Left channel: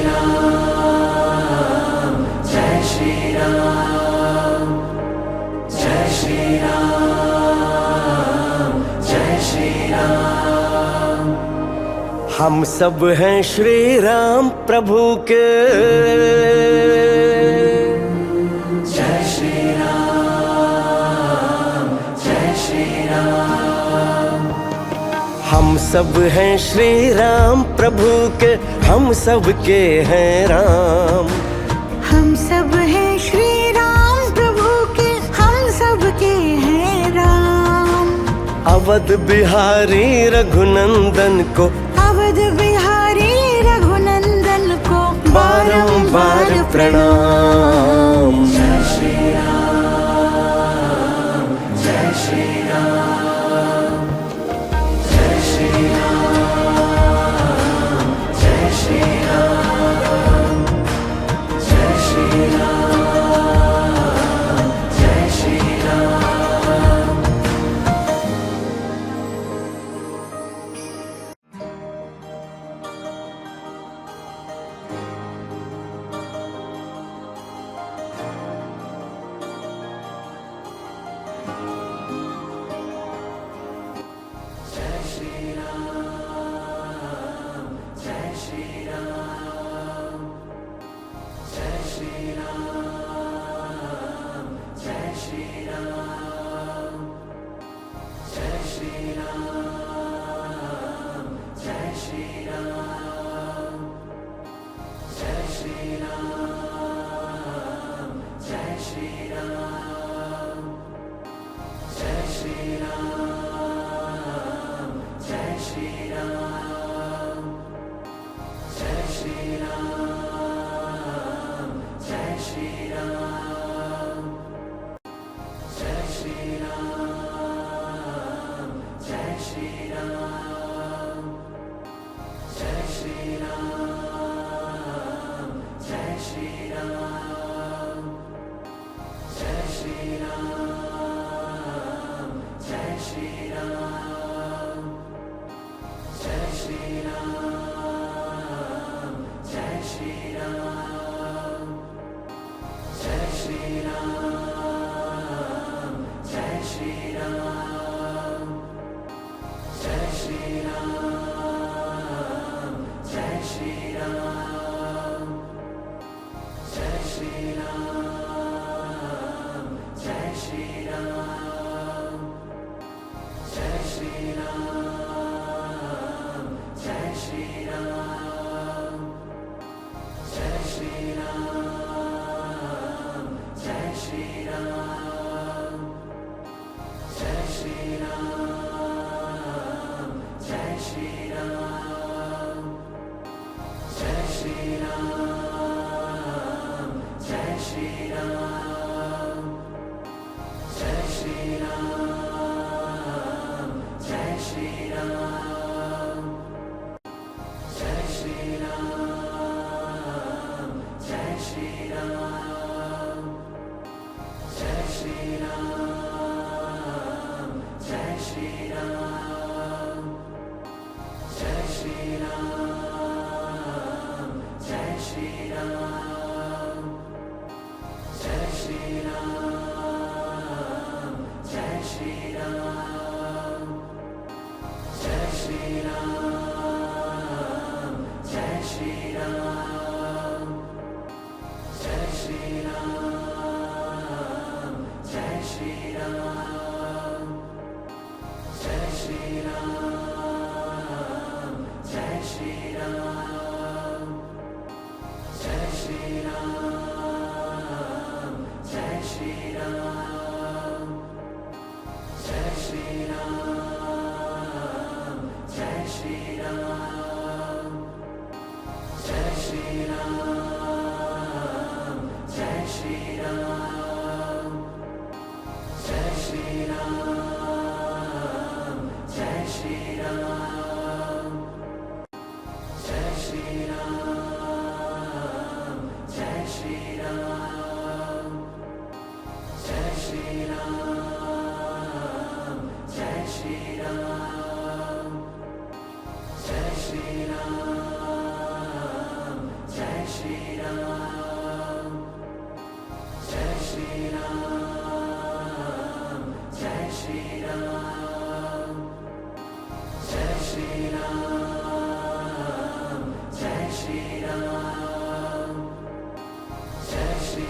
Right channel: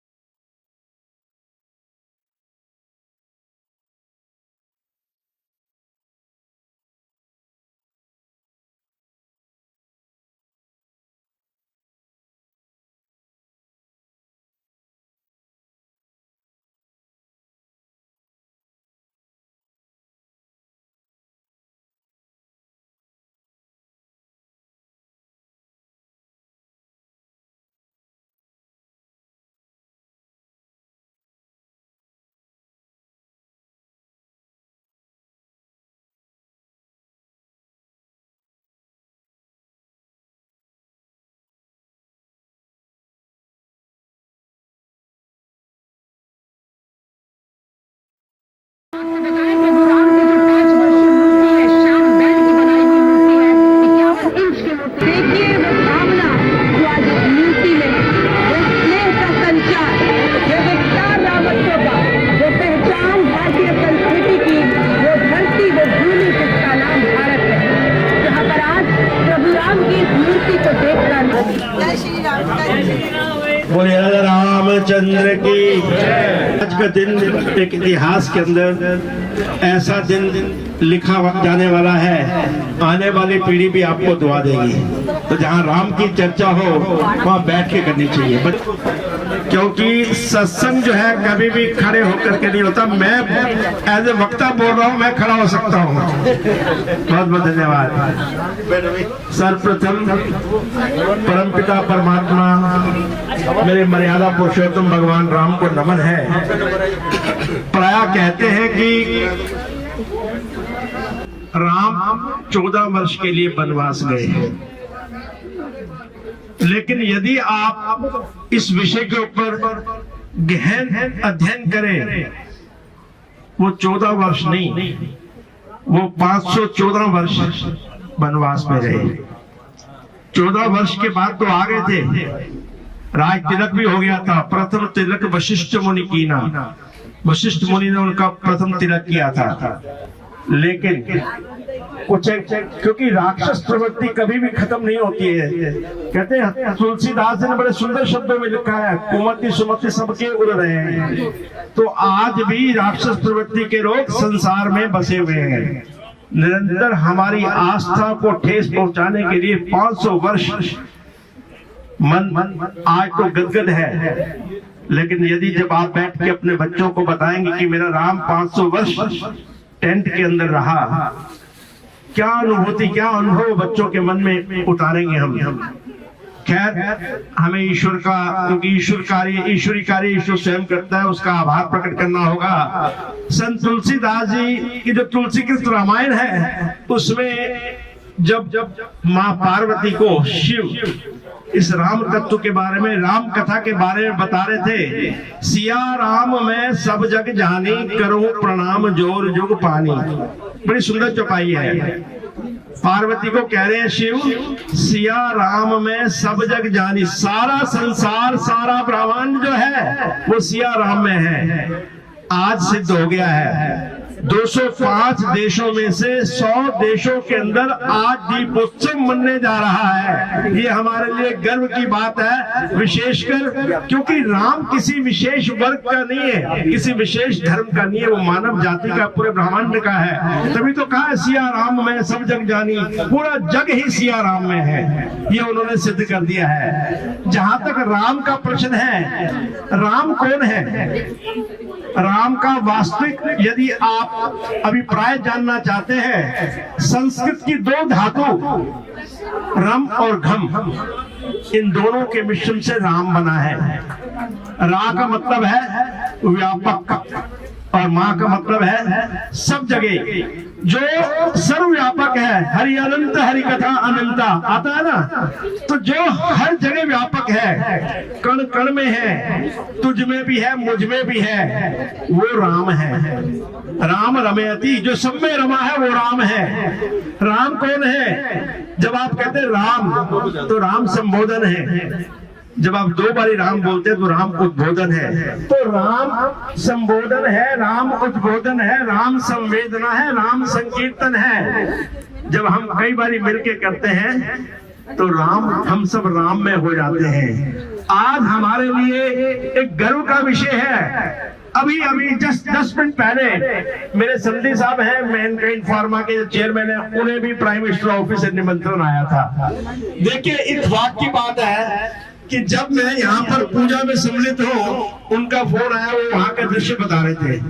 राम, जय श्री राम, जय श्री राम, जय श्री राम। हम सब हैं श्री राम प्रभु के, जय श्री राम, जय श्री राम। हम सब हैं श्री राम प्रभु के, हम सब के हैं राम। हम सब हैं श्री राम प्रभु के, हम सब के हैं राम। अवध बिहारी रघुनंदन को, अवध बिहारी रघुनंदन को बारंबार प्रणाम। जय श्री बोले रामचंद्र की। आज का दिन एक इतिहास के अंदर ऐसा दिन लिखा जाने वाला है, आने वाली पीढ़ी भी आपको दुआ देगी। तो जहाँ राम की चर्चा हो वहाँ बैठ के करनी चाहिए, क्योंकि सत्संग जो है कभी भी खड़े होकर के नहीं होता। मैं एज ए वक्ता बोल रहा हूँ, मैं खड़ा हो सकता हूँ। बहुत बहुत धन्यवाद। सर्वप्रथम परमपिता परमात्मा मेरे मर्यादा पुरुषोत्तम भगवान राम को नमन है। प्राय कहते हैं कि राम 14 वर्ष के लिए वनवास गए हैं, लेकिन यदि आप इस विषय के ऊपर गहन अध्ययन करें, वो 14 वर्ष नहीं, वो 514 वर्ष वनवास में रहे। 14 वर्ष के बाद तो आ गए थे, राज तिलक भी हो गया था। प्रथम तिलक वशिष्ठ मुनि की ना, वशिष्ठ मुनि ने उनका प्रथम तिलक किया था। लेकिन कुछ क्योंकि राक्षस प्रवृत्ति कभी भी खत्म नहीं होती है। कहते हैं तुलसीदास ने बड़े सुंदर शब्दों में लिखा है, कुमति सुमति सबके उड़ रहे हैं। तो आज भी राक्षस प्रवृत्ति के लोग संसार में बसे हुए हैं। निरंतर हमारी आस्था को ठेस पहुंचाने के लिए 500 वर्ष मन आज तो गदगद है। लेकिन यदि जब आप बैठ के अपने बच्चों को बताएंगे कि मेरा राम 500 वर्ष टेंट के अंदर रहा, क्या अनुभूति, क्या अनुभव बच्चों के मन में उतारेंगे हम। खैर, हमें ईश्वर का, क्योंकि ईश्वरी कार्य ईश्वर स्वयं करता है, उसका आभार प्रकट करना होगा। संत तुलसीदास जी की जो तुलसीकृत रामायण है, उसमें जब माँ पार्वती को शिव इस राम तत्व के बारे में, राम कथा के बारे में बता रहे थे, सिया राम मैं सब जग जानी, करूं प्रणाम जोर जुग पानी। बड़ी सुंदर चौपाई है। पार्वती को कह रहे हैं शिव, सिया राम में सब जग जानी, सारा संसार, सारा ब्रह्मांड जो है वो सिया राम में है। आज सिद्ध हो गया है। 205 देशों में से 100 देशों के अंदर आज दीपोत्सव मनने जा रहा है। ये हमारे लिए गर्व की बात है, विशेषकर क्योंकि राम किसी विशेष वर्ग का नहीं है, किसी विशेष धर्म का नहीं है, वो मानव जाति का, पूरे ब्रह्मांड का है। तभी तो कहा है सिया राम में सब जग जानी, पूरा जग ही सिया राम में है। ये उन्होंने सिद्ध कर दिया है। जहां तक राम का प्रश्न है, राम कौन है, राम का वास्तविक यदि आप अभिप्राय जानना चाहते हैं, संस्कृत की 2 धातु रम और घम, इन दोनों के मिश्रण से राम बना है। रा का मतलब है व्यापक और माँ का मतलब है सब जगह, जो सर्वव्यापक है। हरि अनंत, हरि कथा अनंता आता है ना, तो जो हर जगह व्यापक है, कण कण में है, तुझ में भी है, मुझ में भी है, वो राम है। राम रमयति, जो सब में रमा है वो राम है। राम कौन है? जब आप कहते हैं राम, तो राम संबोधन है। जब आप 2 बारी राम बोलते हैं तो राम उद्बोधन है। तो राम संबोधन है, राम उद्बोधन है, राम संवेदना है, राम संकीर्तन है। जब हम कई बारी मिलके करते हैं तो राम, हम सब राम में हो जाते हैं। आज हमारे लिए एक गर्व का विषय है। अभी जस्ट 10 मिनट पहले मेरे समधी साहब हैं मैनकाइंड फार्मा के चेयरमैन है, उन्हें भी प्राइम मिनिस्टर ऑफिस से निमंत्रण आया था। देखिए इत्तेफाक की बात है कि जब मैं यहाँ पर पूजा में सम्मिलित हूँ, उनका फोन आया, वो वहाँ का दृश्य बता रहे थे।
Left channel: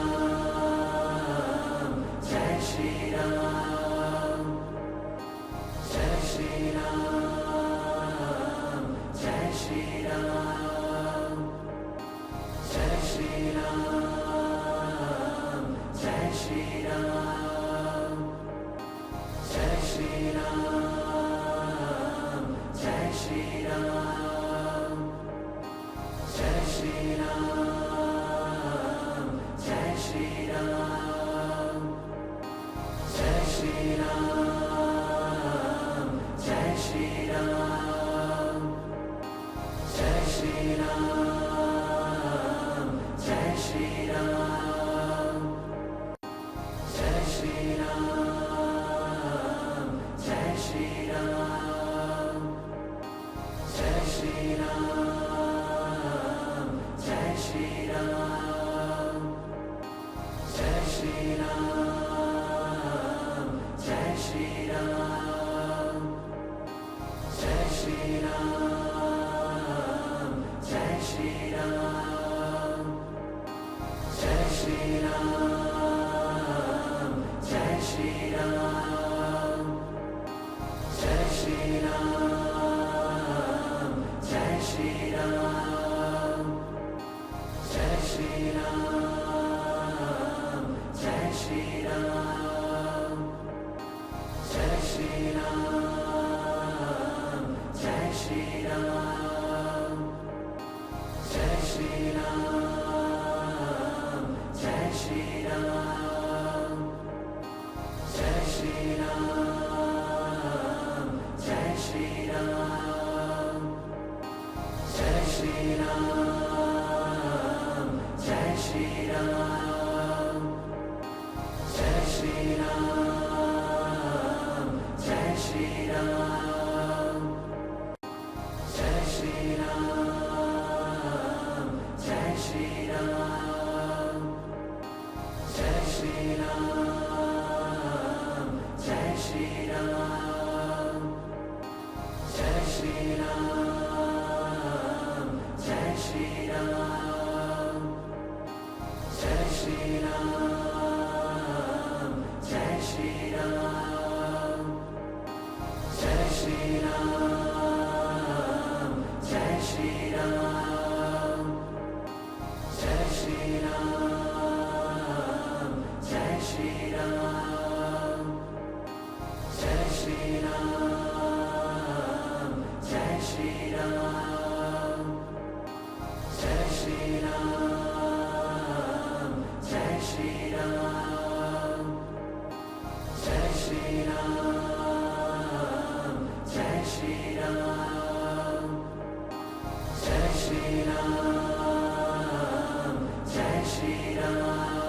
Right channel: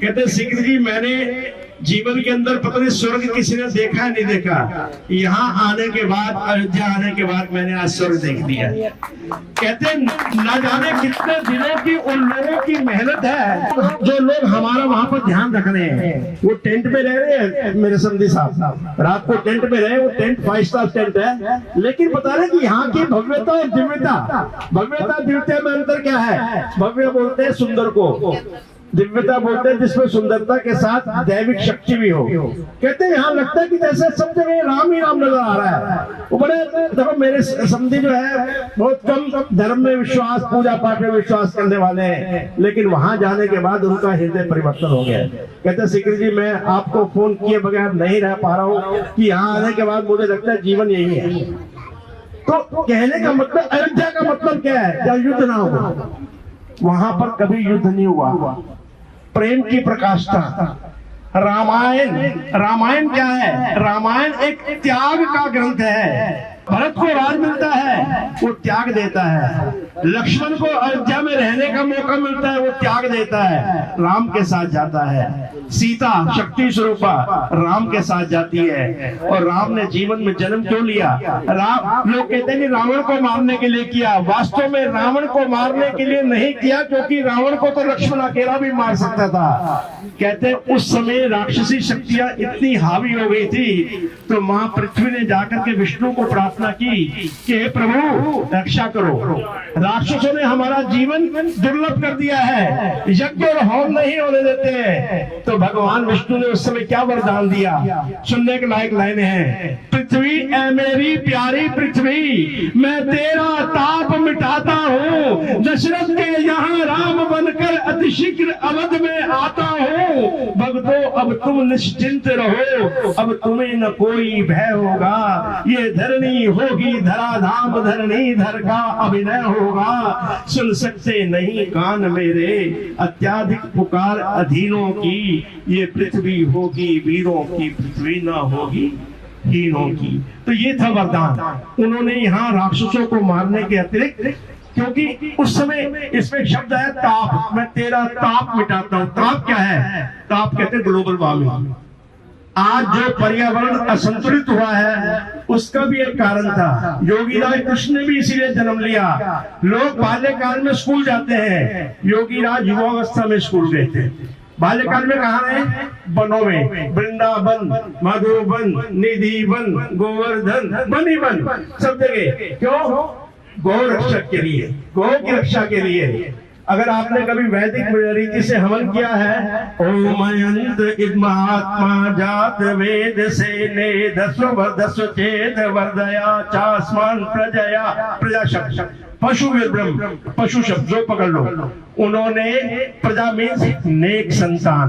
कहते सिंह जी, मैंने जीवन के अंदर पता नहीं स्वर्ग किसी ने देखा नहीं देखा, यहाँ आने के बाद, अयोध्या आने के बाद मैंने आज स्वर्ग देख लिया। कहते न जाने कितने दिनों की उन लोगों की मेहनत है जो लोग हमारा वहाँ पर ध्यान रख रहे हैं। वो टेंट में रह रहे हैं, मेरे समधी साहब रात को टेंट में रहे, वो टेंट 5 स्टार टेंट है, लेकिन बता रहे कि यहाँ की भव्यता और दिव्यता, भव्यता दिव्यता में अंतर क्या है? भव्य बोलते हैं सुंदर को, दिव्यता बोलते हैं जिसमें सुंदरता के साथ दैविक शक्ति भी हो। कहते हैं यहाँ लगता है कि जैसे सब जगह राम ही राम नजर आ रहा है। वो बड़े देखो मेरे समझी जो है बहुत कम धर्म में विश्वास, पूजा पाठ में विश्वास करने वाले हैं, लेकिन वहां जाने के बाद उनका हृदय परिवर्तन हो गया। कहते सिकर जी, मैं आपको फोन किए बगैर नहीं रह पा रहा हूँ कि यहाँ आने के बाद मुझे लगता है जीवन यही है। तो कहने का मतलब, अयोध्या का मतलब क्या है? जब युद्ध ना हुआ, वहां पर कभी युद्ध नहीं हुआ, प्रेम की प्रकाष्ठा। रामायण क्या है? रामायण एक त्याग का ग्रंथ है। भरत को राज मिलता है, वो त्याग देता है। लक्ष्मण को अयोध्या में रहने का मौका मिलता है, वो त्याग देता है, राम के साथ जाता है। सीता शक्ति स्वरूपा राम के साथ जाती है। और राम ने जीवन में जन्म क्यों लिया? लोग कहते हैं कि रावण को मारने के लिए किया, वास्तव में रावण को मारने के लिए नहीं किया, क्योंकि रावण को तो लक्ष्मण अकेला भी मार सकता था। कहते हैं उस समय राक्षसी शक्तियां इतनी हावी हो गई थी, तो मां पृथ्वी ने जाकर के विष्णु को प्रार्थना की कि हे प्रभु रक्षा करो, राक्षसों ने हमारा जीवन दुर्लभ कर दिया है, यज्ञ और होम नहीं होने देते हैं। तो भगवान विष्णु ने उस समय क्या वरदान दिया? सुनने के लायक लाइनें हैं। पृथ्वी ऐ मेरी प्यारी पृथ्वी, मैं तेरा ताप मिटाता हूँ, दशरथ के यहाँ राम बनकर अतिशीघ्र अवध में आता हूँ। भक्तों अब तुम निश्चिंत रहो, अब तुम्हें न कोई भय होगा, ये धरणी होगी धराधाम, धरणी धर का अभिनय होगा। सुन सकते नहीं कान मेरे, अत्याधिक पुकार अधीनों की, ये पृथ्वी होगी वीरों की, पृथ्वी न होगी हीरों की। तो ये था वरदान। उन्होंने यहाँ राक्षसों को मारने के अतिरिक्त, क्योंकि उस समय इसमें शब्द है ताप, मैं तेरा ताप मिटाता हूँ। ताप क्या है? ताप कहते हैं ग्लोबल वार्मिंग। आज जो पर्यावरण असंतुलित हुआ है उसका भी एक कारण था। योगीराज कृष्ण ने भी इसीलिए जन्म लिया। लोग बाल्यकाल में स्कूल जाते हैं, योगीराज युवावस्था में स्कूल गए थे। बाल्यकाल में कहा है? वनों में, वृंदावन, मधुबन, निधिवन, गोवर्धन, बनीवन, सब जगह। क्यों? गौ रक्षक के लिए, गौ की रक्षा के लिए। अगर आपने कभी वैदिक रीति से हवन किया है, ओम अयंत महात्मा जात वेद से ने दस्व चेत वर्दया चास्मान प्रजया, प्रजा शब्द पशु ब्रह्म, पशु शब्द जो पकड़ लो। उन्होंने प्रजा मीन्स नेक संतान।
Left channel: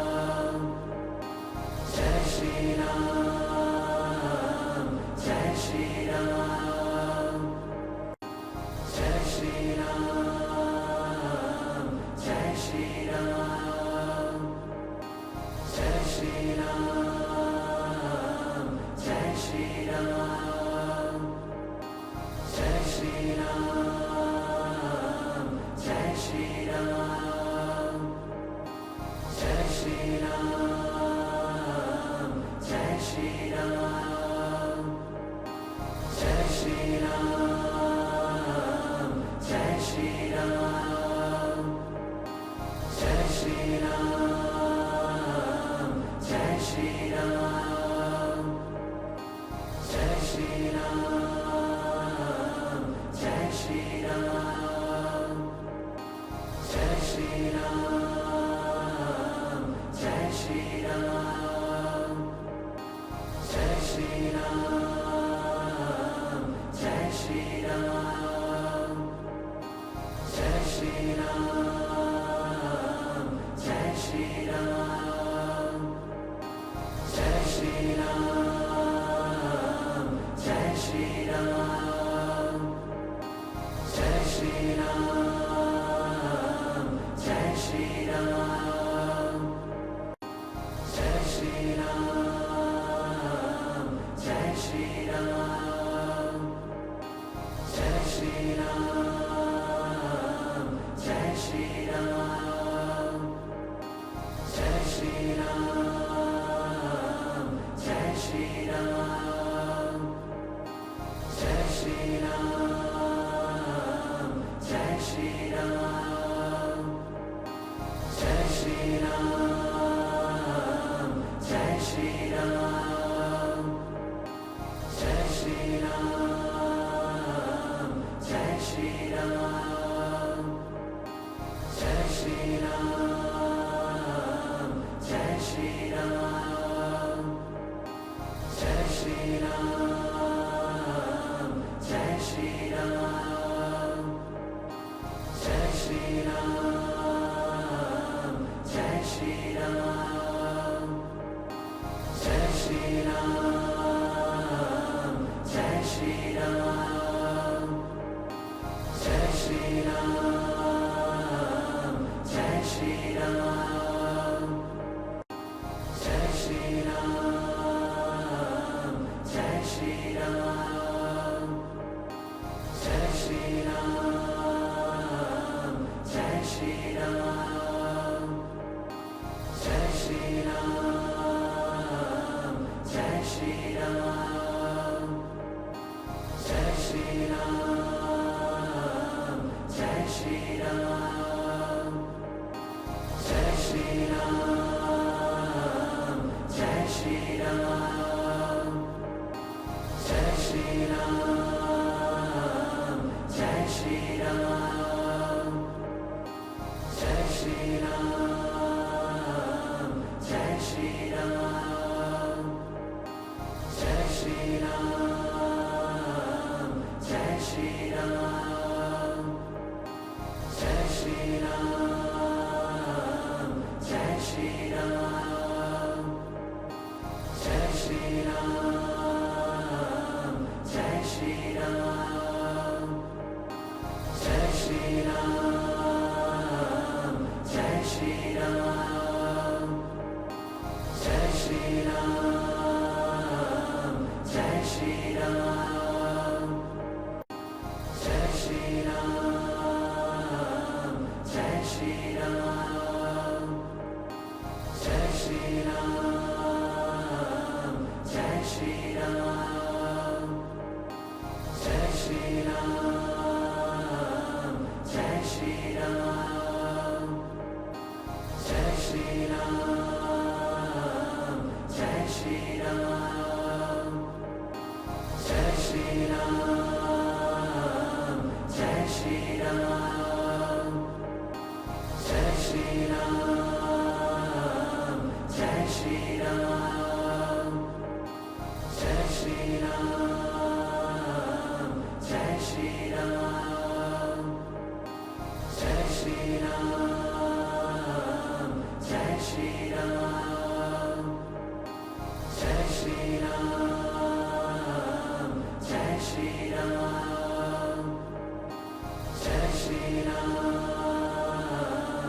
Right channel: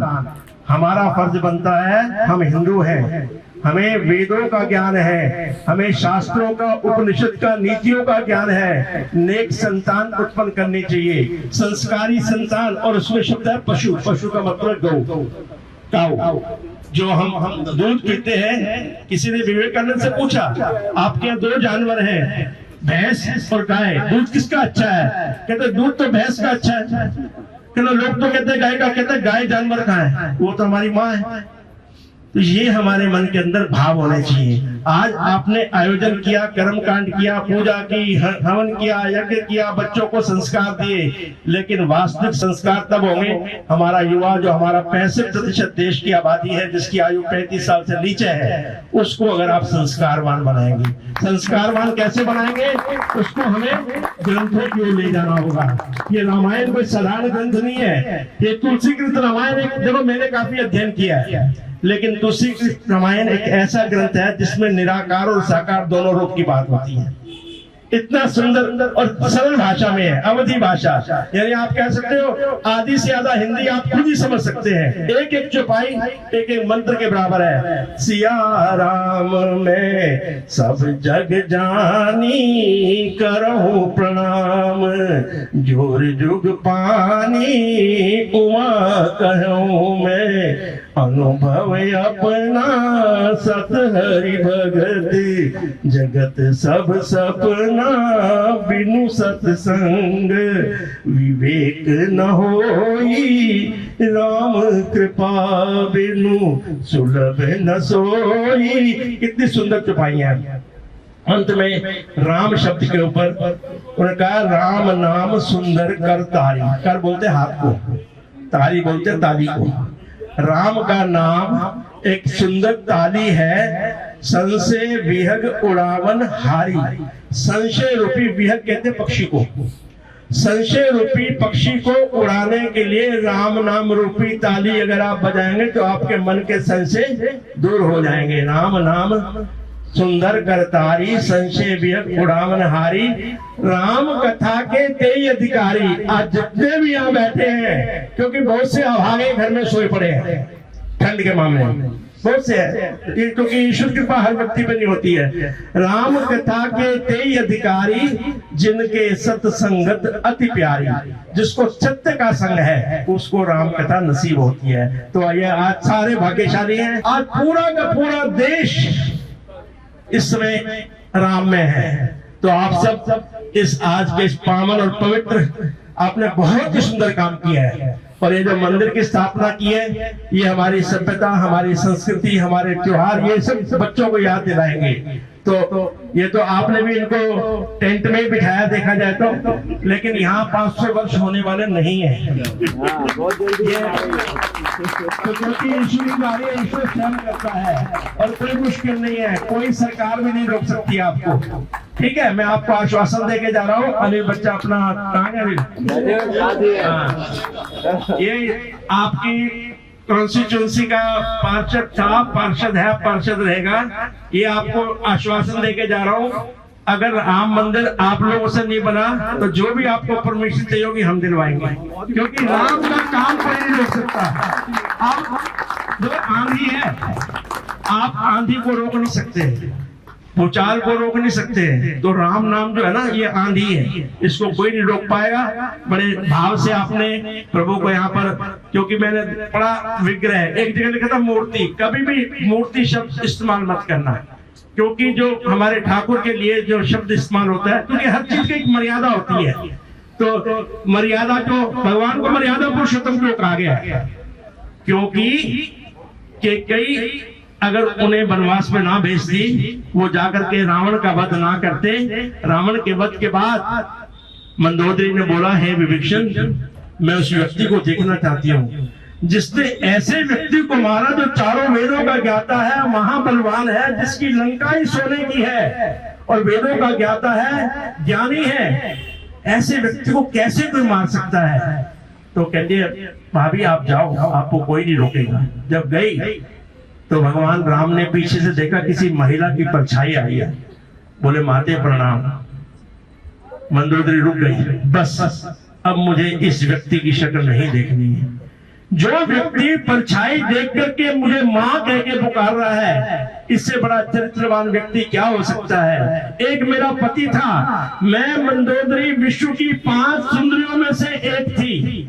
हमारा फर्ज बनता है, हम हिंदू हैं, हमें वेदों का ज्ञान है, हमें शास्त्रों का, उपनिषद का, नीतियों का ज्ञान है। नेक संतान उत्पन्न करनी चाहिए, संस्कारी संतान। और उसमें शब्द है पशु, पशु का मतलब गौ, काऊ। जो हम दूध पीते हैं, किसी ने विवेकानंद से पूछा आपके यहाँ 2 जानवर हैं, भैंस और गाय, दूध किसका अच्छा है? कहते दूध तो भैंस का अच्छा है। लोग तो कहते हैं गाय का, कहते हैं गाय जानवर का है, वो तो हमारी माँ है। तो ये हमारे मन के अंदर भाव होने चाहिए। आज आपने आयोजन किया, कर्म कांड किया, पूजा की, हवन किया, यज्ञ किया, बच्चों को संस्कार दिए, लेकिन वास्तविक संस्कार तब होंगे हमारा युवा, जो हमारा 65% देश की आबादी है, जिसकी आयु 35 साल से नीचे है, उसको अगर आप संस्कारवान बनाएंगे। संस्कारवान कैसे बनाएंगे? उसको हमें ग्रंथों की ओर ले जाना होगा। ये रामायण कोई साधारण ग्रंथ नहीं है, ये तुलसीकृत रामायण। देखो मैंने काफी अध्ययन किया है, लेकिन तुलसीकृत रामायण एक ऐसा ग्रंथ है जिसमें निराकार और साकार दोनों रूप की बात होती है। इतना सुंदर और सरल भाषा में है, अवधि भाषा। यानी आप कह सकते हो आधी से ज्यादा हिंदी आप खुद ही समझ सकते हैं। एक एक चौपाई एक एक मंत्र के बराबर है। सिया राम में सब जग जानी, करहूं प्रणाम, जोर जुग पानी, उमा कहूं मैं, अनुभव अपना सत हरि भगति, जगत सब सपना बिनु सत्संग, विवेक न होई राम कृपा बिनु, सुलभ न सोई। कितनी सुंदर चौपाइयां हैं। अंत में राम शब्द के ऊपर उन्होंने कहा राम नाम सुंदर कर तारी। कर बोलते हाथ को, तारी बोलते ताली को। राम का नाम एक सुंदर ताली है। संशय विहग उड़ावन हारी। संशय रूपी विहग कहते पक्षी को। संशय रूपी पक्षी को उड़ाने के लिए राम नाम रूपी ताली अगर आप बजाएंगे तो आपके मन के संशय दूर हो जाएंगे। राम नाम सुंदर करतारी, संशय विहग उड़ावन हारी, राम कथा के कई अधिकारी। आज जितने भी यहाँ बैठे हैं, क्योंकि बहुत से अभागे घर में सोए पड़े हैं ठंड के मामले में, बहुत से हैं, क्योंकि ईश्वर कृपा हर व्यक्ति पर नहीं होती है। राम कथा के कई अधिकारी, जिनके सत्संगत अति प्यारी। जिसको सत्य का संग है उसको राम कथा नसीब होती है। तो ये आज सारे भाग्यशाली हैं। आज पूरा का पूरा देश इस समय राम में है। तो आप सब इस आज के इस पावन और पवित्र आपने बहुत ही सुंदर काम किया है। और ये जो मंदिर की स्थापना की है, ये हमारी सभ्यता, हमारी संस्कृति, हमारे त्योहार, ये सब बच्चों को याद दिलाएंगे। तो ये तो आपने भी इनको टेंट में ही बिठाया देखा जाए तो, लेकिन यहाँ 500 वर्ष होने वाले नहीं है। क्योंकि ईश्वर कार्य ईश्वर स्वयं करता है और कोई मुश्किल नहीं है, कोई सरकार भी नहीं रोक सकती आपको। ठीक है, मैं आपको आश्वासन देके जा रहा हूँ। अनिल बच्चा अपना कहाँ है अभी? ये आपकी कॉन्स्टिट्यूंसी का पार्षद था, पार्षद है, पार्षद रहेगा। ये आपको आश्वासन देके जा रहा हूँ। अगर राम मंदिर आप लोगों से नहीं बना तो जो भी आपको परमिशन चाहिए होगी हम दिलवाएंगे, क्योंकि राम का काम कोई नहीं रोक सकता। आप जो आंधी है, आप आंधी को रोक नहीं सकते, भूचाल को रोक नहीं सकते। तो राम नाम जो है ना, ये आंधी है, इसको कोई नहीं रोक पाएगा। बड़े भाव से आपने प्रभु को यहाँ पर, क्योंकि मैंने पढ़ा विग्रह, एक जगह लिखा था मूर्ति। कभी भी मूर्ति शब्द इस्तेमाल मत करना, क्योंकि जो हमारे ठाकुर के लिए जो शब्द इस्तेमाल होता है, क्योंकि हर चीज की एक मर्यादा होती है। तो मर्यादा को, भगवान को मर्यादा पुरुषोत्तम को कहा गया है, क्योंकि कई अगर उन्हें वनवास में ना भेजती, वो जाकर के रावण का वध ना करते। रावण के वध के बाद मंदोदरी ने बोला, हे विभीषण, मैं उस व्यक्ति को देखना चाहती हूँ जिसने ऐसे व्यक्ति को मारा जो चारों वेदों का ज्ञाता है, महाबलवान है, जिसकी लंका ही सोने की है और वेदों का ज्ञाता है, ज्ञानी है। ऐसे व्यक्ति को कैसे कोई मार सकता है? तो कहती है, भाभी आप जाओ, आपको कोई नहीं रोकेगा। जब गई तो भगवान राम ने पीछे से देखा किसी महिला की परछाई आई है। बोले, माते प्रणाम। मंदोदरी रुक गई, बस अब मुझे इस व्यक्ति की शक्ल नहीं देखनी है। जो व्यक्ति परछाई देख करके मुझे माँ कह के पुकार रहा है, इससे बड़ा चरित्रवान व्यक्ति क्या हो सकता है? एक मेरा पति था, मैं मंदोदरी विश्व की 5 सुंदरियों में से एक थी।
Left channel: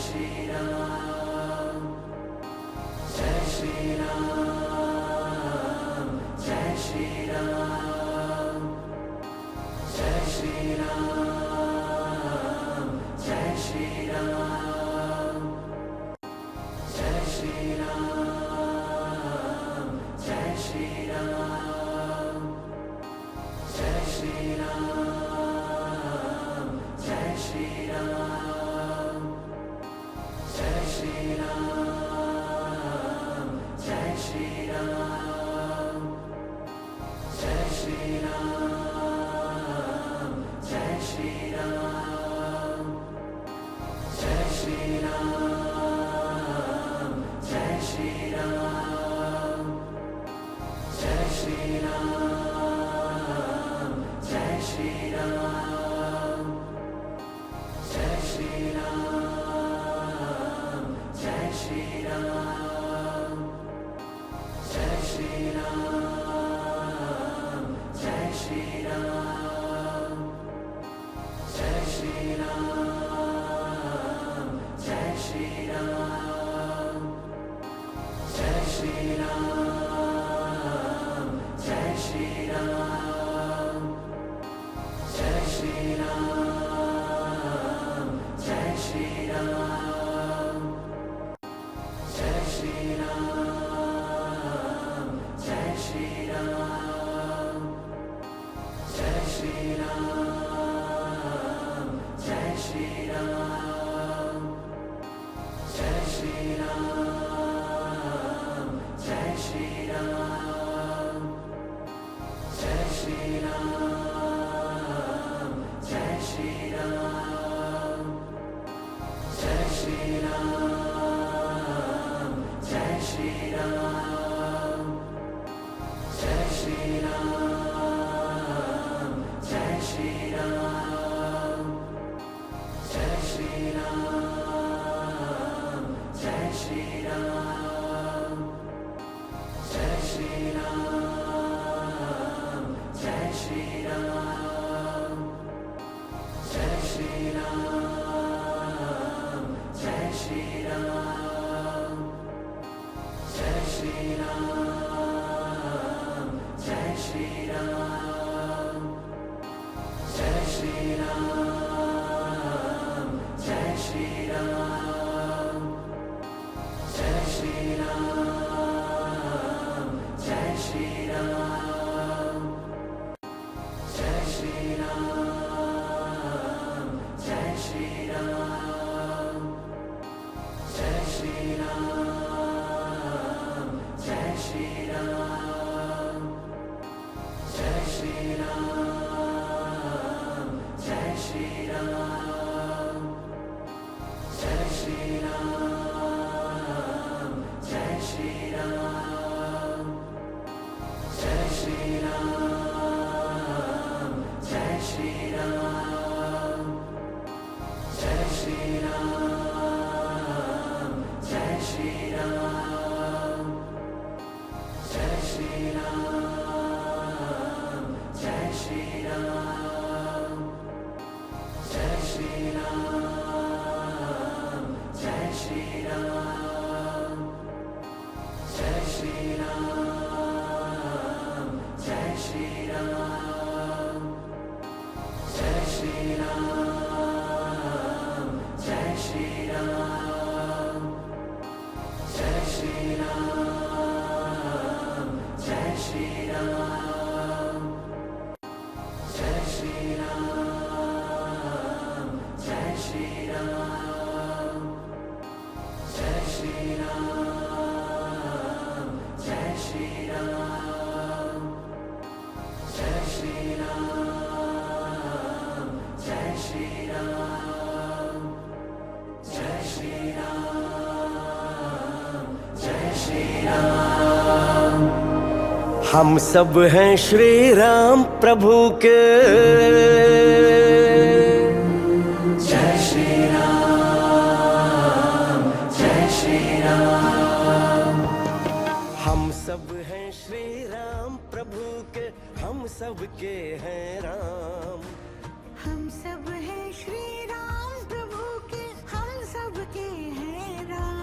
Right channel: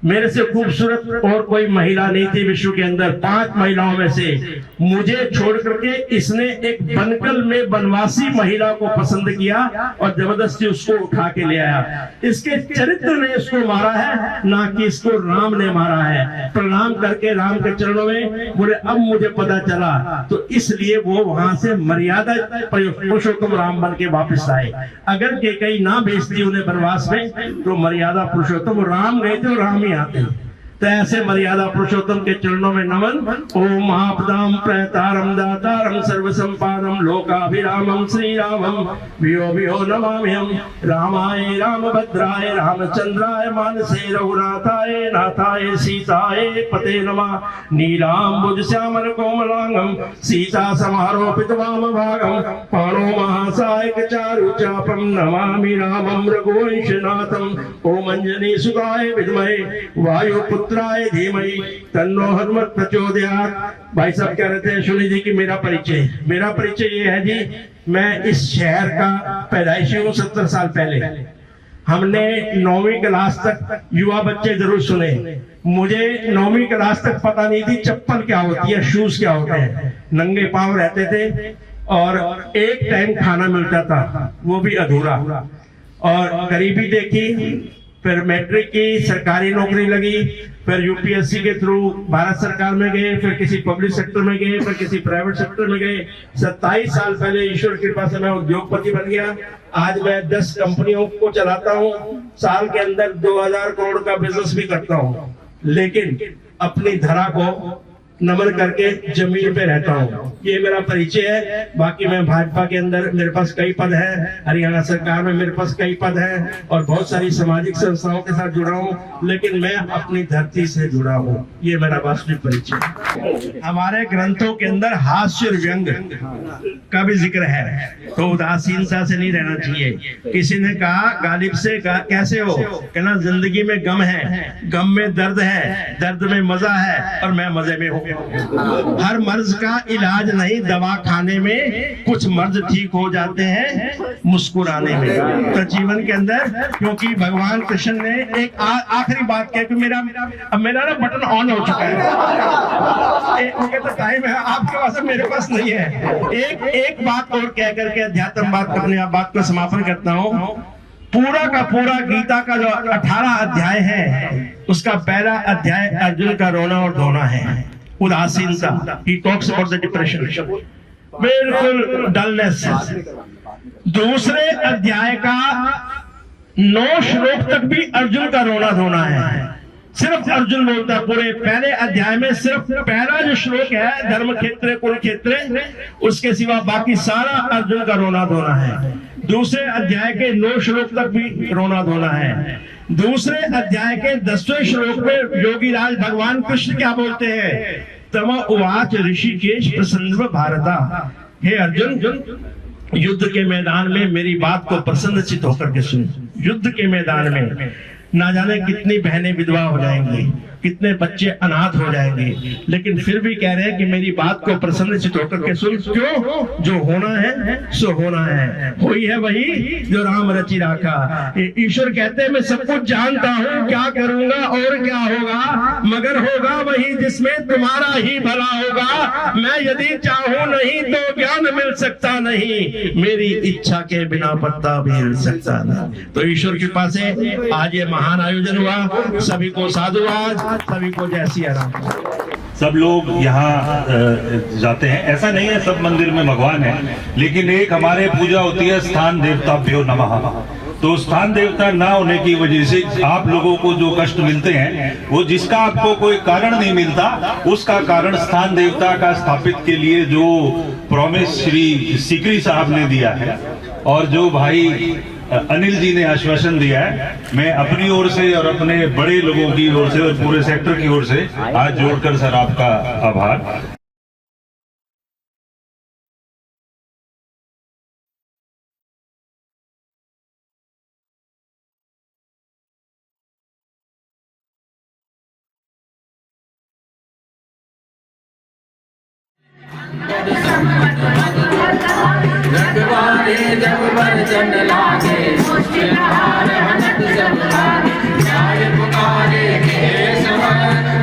मेरे से खूबसूरत और कोई महिला नहीं थी विश्व के अंदर। 5 महिलाओं में से मुझे छोड़ करके इसने एक बनकल में वनवासी महिला को पसंद किया और जबरदस्ती उसको उठा के ले आया। इसके चरित्र ने इसको मारा है, ना कि इसको राम ने मारा है। प्रणाम करके राम के चरणों में बोले, अब मुझे पता चला। तो इसलिए वो वहां से मर्यादा पुरुषोत्तम राम बन के वापिस आए। अगर के कहीं ना भेजती उन्हें वनवास में, तो मर्यादा पुरुषोत्तम राम गए थे और राम ही आते हैं। तो ऐसे मर्यादा पुरुषोत्तम के चरणों में नमन। ओम आपदाम प्रणतारम दातारम सर्वसंपादम लोकाभिरामम श्री रामम वियो वियो नमाम्यहम्। रामाय रामभद्राय रामचंद्राय मानसे रघुनाथाय नाथाय सीताय पते नमः। नीलाम्बुज श्यामल कोमलांगम सीता समारोपित वामभागम पाणो महासायक चारु चापम नमामि रामं रघुवंशनाथम। ओम अंजनी सुताय विद्महे वायुपुत्राय धीमहि तन्नो हनुमत् प्रचोदयात्। भाई साहब कह रहे थे सुनी जी की मेरा परिचय ये है जी, मैं इस शहर का पैदाइशी हूँ। 70 साल पहले हमने 9वीं क्लास तक युवा बच्चे जरूर सुने। मुझे 9वीं क्लास तक पता नहीं थी चप्पल क्या होती है, शूज क्या होते हैं। नंगे पांव रहते थे और एक टाइम खाना मिलता था, वो भी अधूरा। और गरीबी देखी, फिर मैट्रिक की, सरकारी नौकरी लगी, फिर यूपीएससी के थ्रू भारत सरकार में गए, फिर किसी पब्लिक सेक्टर में गए, फिर किसी प्राइवेट सेक्टर में गए। 27 साल पहले ईश्वर की कृपा से मैं उद्योगपति बन गया। आज मैं 10 कंपनियों को चलाता हूँ, साल के अंदर 2000 करोड़ का बिजनेस भी करता हूँ, लेकिन अपनी धरा को नमन करके जमीन पे रहता हूँ। ये मेरा परिचय है। बाकी मैं भाजपा के अंदर मेरे पास कई पद है, हरियाणा सरकार में मेरे पास कई पद है और बहुत सारी सामाजिक संस्थाओं के साथ जुड़ा हूँ, लेकिन मैं अपनी धरती से जुड़ा हूँ। ये मेरा वास्तविक परिचय है। हमारे ग्रंथों के अंदर हास्य और व्यंग का भी जिक्र है, तो उदासीनता से नहीं रहना चाहिए। किसी ने कहा गालिब से कैसे हो, कहना जिंदगी में गम है, गम में दर्द है, दर्द में मजा है और मैं मजे में हूँ। हर मर्ज का इलाज नहीं दवा खाने में, कुछ मर्ज ठीक हो जाते हैं मुस्कुराने में। तो जीवन के अंदर, क्योंकि भगवान कृष्ण ने एक आखिरी बात कह कि मेरा ना बटन ऑन हो चुका है, तो टाइम है आपके पास, मेरे पास नहीं है। एक बात और कह करके अध्यात्म बात को समापन करता हूँ। पूरा का पूरा गीता का जो 18 अध्याय है, उसका पहला अध्याय अर्जुन का रोना और धोना है, उदासीनता। He talks about the depression, बिल्कुल डलनेस। दूसरे अध्याय का 9 श्लोक तक भी अर्जुन का रोना धोना है, सिर्फ अर्जुन बोलता है। पूरे पहले अध्याय में सिर्फ पहला जो श्लोक है धर्म क्षेत्र कुरुक्षेत्र, उसके सिवा बाकी सारा अर्जुन का रोना धोना है। दूसरे अध्याय के 9 श्लोक तक भी रोना धोना है। दूसरे अध्याय के 10वें श्लोक में योगीराज भगवान कृष्ण क्या बोलते हैं, तम उवाच ऋषिकेश प्रसन्न भारता। हे अर्जुन, युद्ध के मैदान में मेरी बात को प्रसन्नचित होकर के सुन। युद्ध के मैदान में ना जाने कितनी बहनें विधवा हो जाएंगी, कितने बच्चे अनाथ हो जाएंगे, लेकिन फिर भी कह रहे हैं कि मेरी बात को प्रसन्नचित होकर के सुन। क्यों? जो होना है सो होना है, वही है वही जो राम रचि राखा। ईश्वर कहते हैं मैं सब कुछ जानता हूँ, क्या करूंगा और क्या होगा, मगर होगा वही जिसमें तुम्हारा ही भला होगा। मैं यदि चाहूँ नहीं तो ज्ञान मिल सकता नहीं, मेरी इच्छा के बिना पत्ता भी हिल सकता नहीं। तो ईश्वर की कृपा से आज ये महान आयोजन हुआ। सभी को साधुवाद, सभी को जय सिया राम। सब लोग यहाँ जाते हैं, ऐसा नहीं है सब मंदिर में भगवान है, लेकिन एक हमारे पूजा होती है स्थान देवताभ्यो नमः। तो स्थान देवता ना होने की वजह से आप लोगों को जो कष्ट मिलते हैं, वो जिसका आपको कोई कारण नहीं मिलता, उसका कारण स्थान देवता का स्थापित के लिए जो प्रॉमिस श्री सीकरी साहब ने दिया है और जो भाई अनिल जी ने आश्वासन दिया है, मैं अपनी ओर से और अपने बड़े लोगों की ओर से और पूरे सेक्टर की ओर से हाथ जोड़कर सर आपका आभार। हम सब हैं श्री राम प्रभु के, जय श्री राम, जय श्री राम। हम सब रखवारे जब बरचन लागे, मुश्किलहार हनक जब लागे, न्याय पुकारे केशव,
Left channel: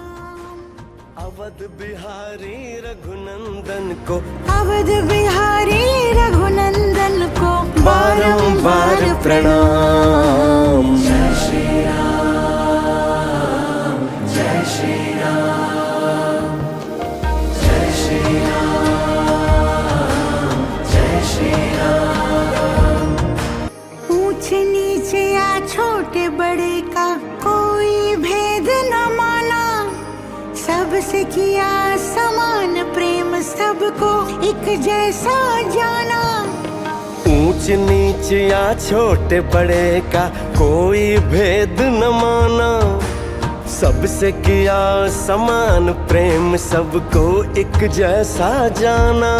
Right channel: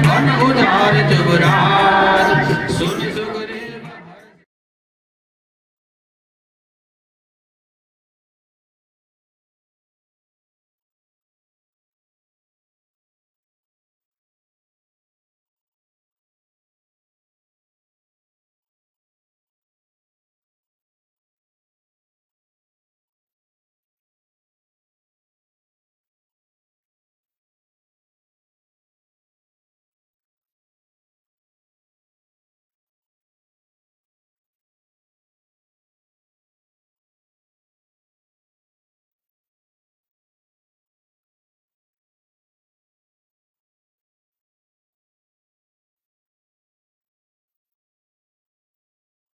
मन उदार जुबराज। सुन नंदन को, अवध बिहारी रघुनंदन को बारंबार प्रणाम। जय श्री राम, जय श्री राम, जय श्री राम, जय श्री राम। ऊंच नीचे या छोटे बड़े का कोई भेद न माना, सबसे किया समान प्रेम, सबको एक जैसा जाना। ऊंच नीच या छोटे बड़े का कोई भेद न माना। सबसे किया समान प्रेम, सबको एक जैसा जाना।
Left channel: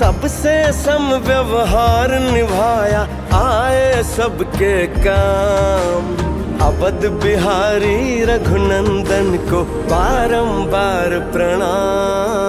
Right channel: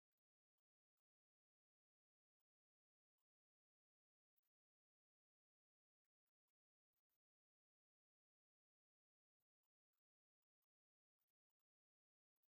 सबसे सम व्यवहार निभाया, आए सबके काम। अवध बिहारी रघुनंदन को बारंबार प्रणाम।